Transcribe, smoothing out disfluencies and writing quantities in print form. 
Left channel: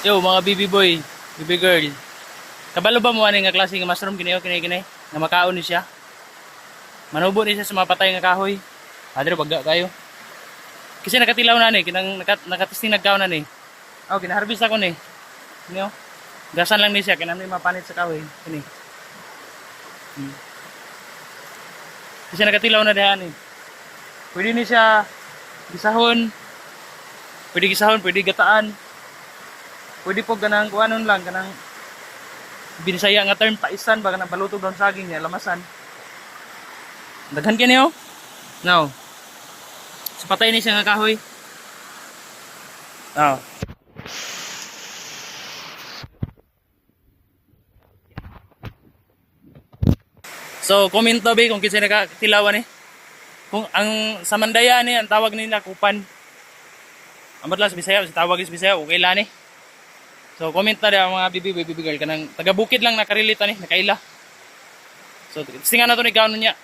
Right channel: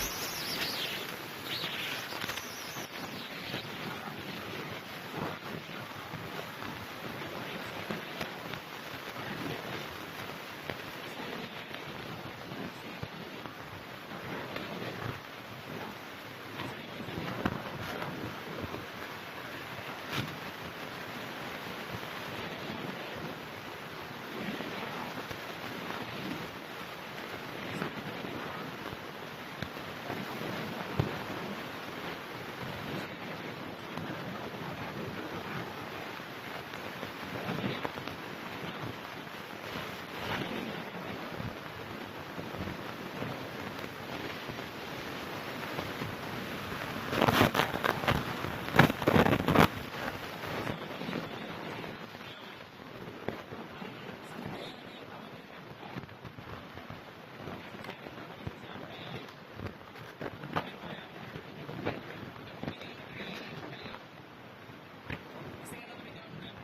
Yo mga baby boy, baby girl. Kabalo ba mo ani nga klase nga mushroom kini kini nga makaon ni siya? Manubo ni siya sa mapatay nga kahoy. Adre pagga kayo. Kasi nakatilaw na ni, kinang nakatisting nagkaon na ni. Oh, ginaharvest ako ni. Niyo. Gasan lang ni siya kinang mapanit sa kahoy. Kini. Kasi nakatilaw na diha ni. Pwede ni siya gisahon. Pwede gisahon, pwede gataan. Pwede po ganang kuanon lang kanang binisaya nga term paisan ba kanang palutog ng saging niya lamasan. Daghan kini oh. Now. So, patay ni siya nga kahoy. Now. So, comment to be kung kinsa nakatilawan ni. Kung ang sa Mandaya ni ang tawag nila kupan. Amot lang sa Bisaya, sa tawag sa Bisaya, okay lang ni. So, comment na rin ang mga baby girl kanang taga bukid lang nakarelate ni, nakaila. So, tinga na to ni kaon niya.